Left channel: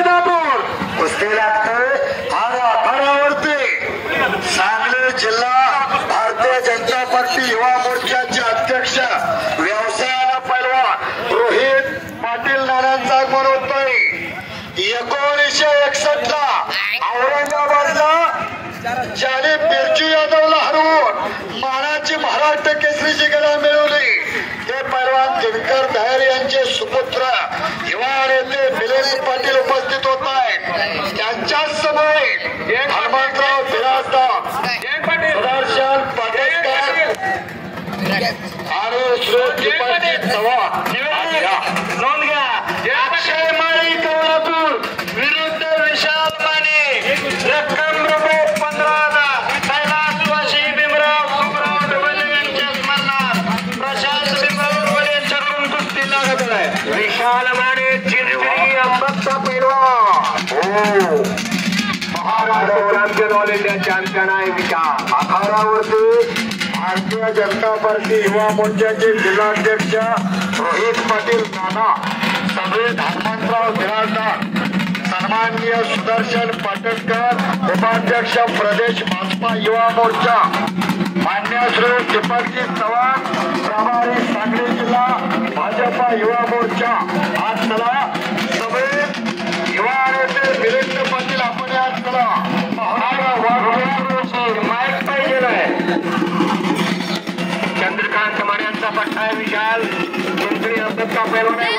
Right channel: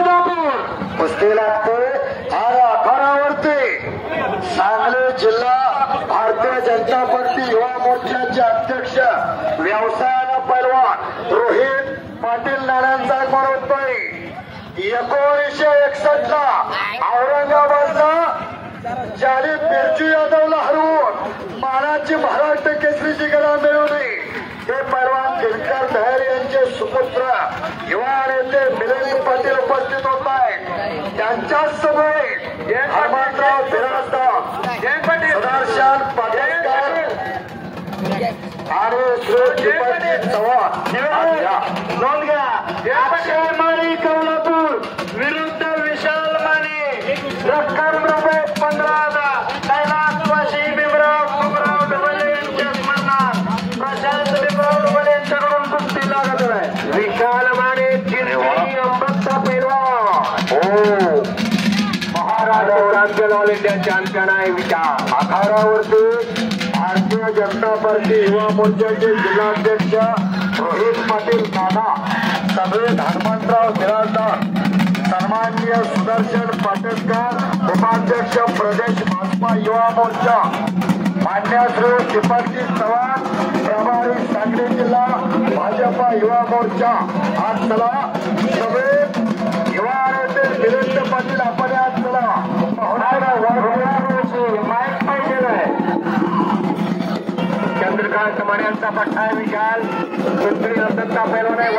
वैदापूर कुस्ती लागते आणि आखाड्यावरती सांगली जिल्हा भारतीय जनता पार्टी युवा मोर्चाचे अध्यक्ष व्यवसायाला पैलवान रोहित पाटील नारायणचा आगमन होतोय। 1961 ला औरंगाबादला ज्याने बिरजू यादवला हरवून मानाची महाराष्ट्र केसरीची गदा मिळवली ते पैलवान दिनकर दहेर यांचे सुपुत्र युवा नेते मिलिंद पाटील उपस्थित होत आहेत। त्यांच्या समोर हनुमंतराव बिराजदार, सदाशिव पाटणकर आणि श्री चव्हाण नोंद घ्या। अक्षय माळी कोल्हापूर विरुद्ध विशाल माने रक्कम ₹15,000 कैलासवासी भीमराव सुखराव ढवळे यांच्या स्मरणार्थ प्रशांत भीमराव ढवळे यांच्याकडून कुस्ती लागत आहे। विशाल माने चिरचिरी अंबक्ता पैलवान Maharashtra champion all India champion आहे विशाल। आखाड्यावरती भारतीय जनता पार्टी युवा मोर्चाचे जिल्हाध्यक्ष रोहित पाटील नाना, सभेत हनुमंतराव बिराजदार, सन्माननीय सुदर्शन पाटणकर उपाध्यक्ष प्रदेश भाजपा युवा मोर्चा, मान्य श्री दीपकजी चव्हाण प्रभारी सांगली जिल्हा भाजपा युवा मोर्चा। आज चला सभेत युवा नेते मिलिंद पाटील आपण आज चला माईक पाहिजे चंद्रकांत मान्यांचा पट्टा आहे विशाल मंत्री अध्यक्ष पैलवान आहे।